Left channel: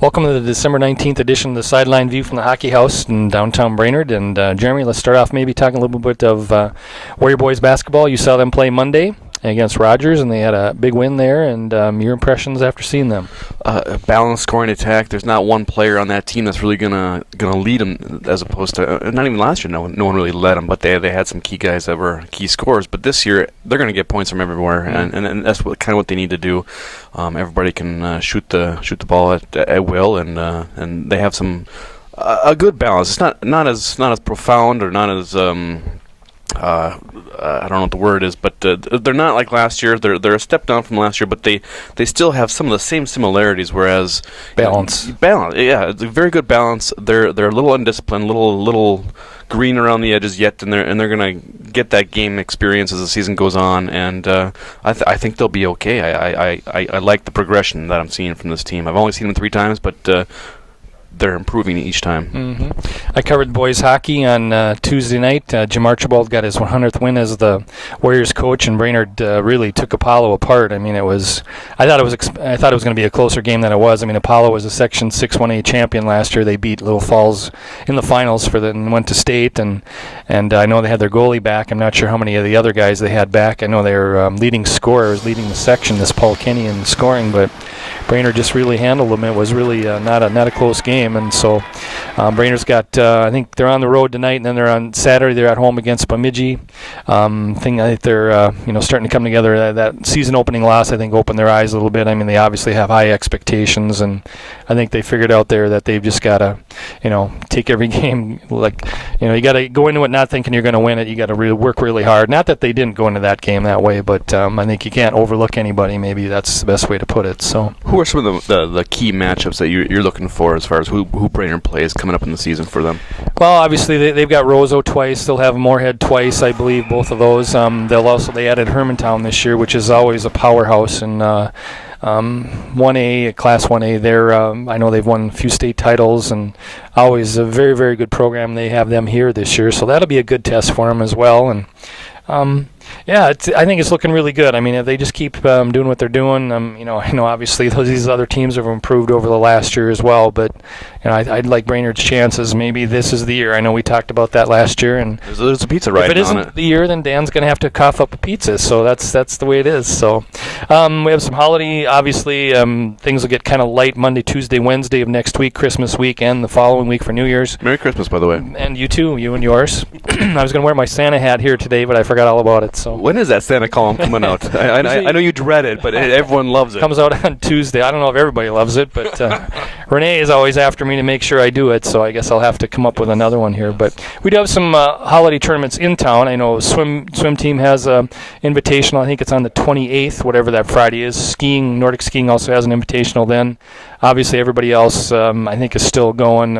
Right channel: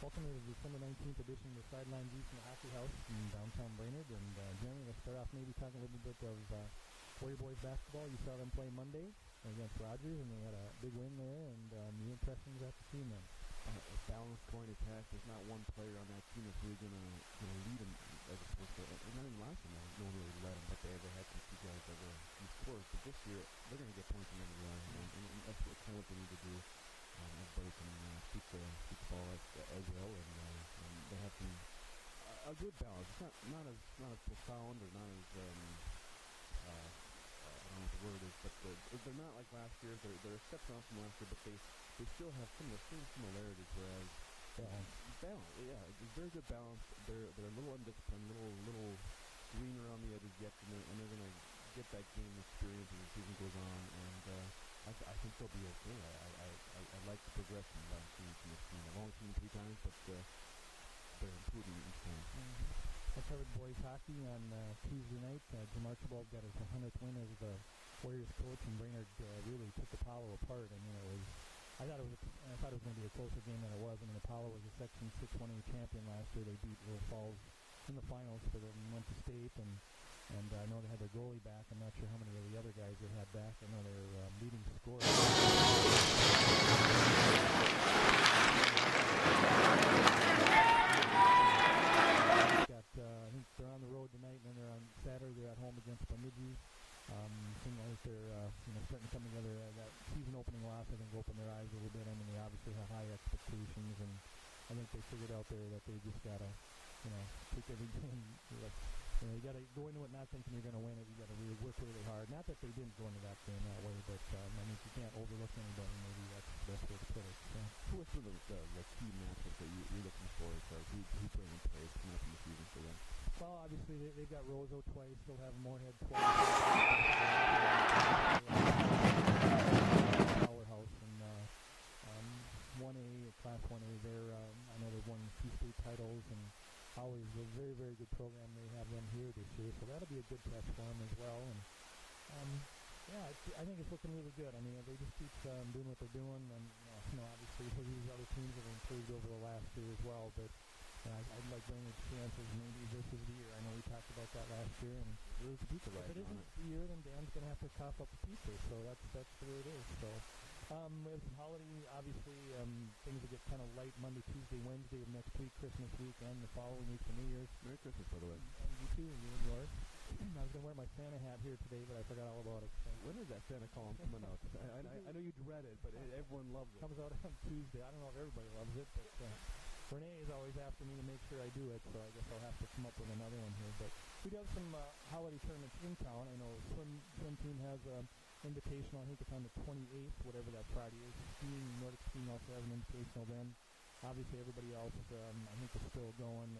Welcome to the December 19th edition of the Sideline View from the Hockey House in downtown Brainerd. And Jeremy, let's start off maybe talking a little bit of Warrior Boys basketball. You saw them play Monday against Rogers, and they had a big win there. And your impressions after seeing them? A balanced scoring attack. There's not one player on that team that's really gonna lead them, as opposed to not even last year. No one really led them, but they had some key guys that were key scorers. But this year they're gonna get points from everywhere, and that's kind of what they need to do. Everybody can shoot the ball at will, and they have a good balance. It's not as profound or not as I don't know what the word is, but they're not like last year. They're a step down from last year, but they still have some of the same similarities. Whereas balance, yeah, it's a very good balance. They're a little undisciplined, little green around the edges yet, and they're gonna get that game experience as the season goes on. And I think they'll be okay. I like the progression that I'm seeing from this team. I've only seen them 3 times, but they're improving each time. Mm-hmm. I covered boys hockey on Tuesday night. Jim Archibald got his 100th win as the Warriors coach, and Brainerd really took Apollo apart. I mean, I thought it was going to be a closer game than it was. I mean, Apollo was a Section 6-1A champion last year. They beat Little Falls in the finals and went to state, and I know they had their goalie back. I'm not sure how many of the other guys they had back. I know they were leading scorers, leading the section, this Paul Kenny in scoring, but Brainerd just really handled them. It was really not a close game, and so Brainerd's got I think they're on the road tonight, and then they're on Saturday. They're at home against Bemidji. I think they're starting to come together. That season opening loss, I think, opened their eyes a little bit. I mean, they obviously have high expectations, and I think they figured out there that they've just got to take every game you got to go into it not thinking you're going to win it. You got to really work really hard. Not that they didn't go into that game that way, but I think you can't overlook anybody. Maybe that's the best way to put it. So, who are some of the key matchups that you're looking for as far as who Brainerd plays coming up in the season for them? Well, obviously they've got Roseau twice. They'll have Moorhead twice, I believe, both of those. They added Hermantown this year, which is always a powerhouse in 1A, Class 1A. I know they've won a few state titles and always a very, very good program. They have them here this year, so that'll be a good test for them as well. And I think it's looking really good. I mean, if they just keep doing what they're doing, I know obviously these other teams have improved over the last year as well, but I'd like Brainerd's chances. Maybe this is the year. I know we talked about that last year, and there's a pizza right on it. If it isn't the year, then Dan's going to have to cough up a pizza. So that's the way it is. So we have some holiday. Obviously, things will get kind of light Monday, Tuesday, Wednesday of next week, Christmas week, and the following week for New Year's. Merry Christmas, by the way. And you too, you and yours. I was going to wear my Santa hat here today, but I forgot all about it. So when is that Santa column coming out? I know you dread it, but everyone loves it. Comes out on Tuesday. I don't know if everybody loves it, but Renee is always after me to make sure I do it, so I guess I'll have to come up with another one here. But we do have some holiday tournaments in town. I know swim team has a invitational. I think it's on the 28th, whatever that Friday is. Nordic skiing also has an invitational then. Obviously, everybody else, I think, is still going.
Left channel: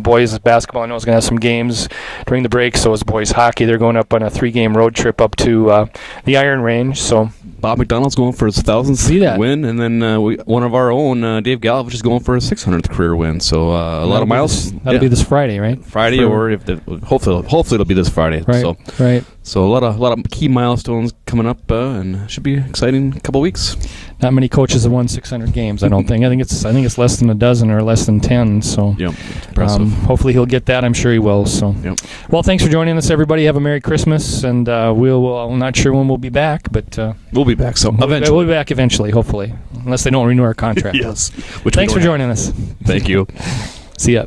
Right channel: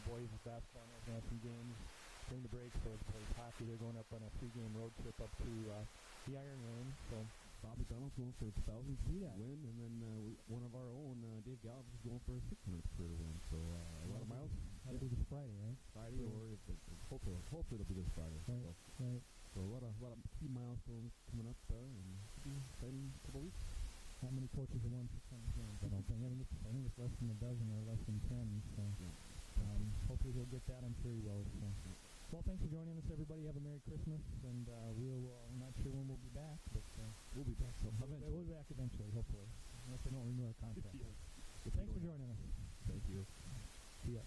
Boys basketball, I know, is going to have some games during the break. So is boys hockey. They're going up on a 3-game road trip up to the Iron Range. So Bob McDonald's going for his 1,000th win, and then one of our own, Dave Galvich, is going for his 600th career win. So a lot of miles. That'll be this Friday, right? Friday, hopefully it'll be this Friday. Right. Right. So a lot of key milestones coming up, and should be an exciting couple weeks. Not many coaches have won 600 games, I don't think. I think it's less than a dozen or less than 10. So it's impressive. Hopefully he'll get that. I'm sure he will. So, Well, thanks for joining us, everybody. Have a Merry Christmas, and I'm not sure when we'll be back, but we'll be back. So eventually, we'll be back eventually, hopefully, unless they don't renew our contract. Yes. Thanks for joining us. Thank you. See ya.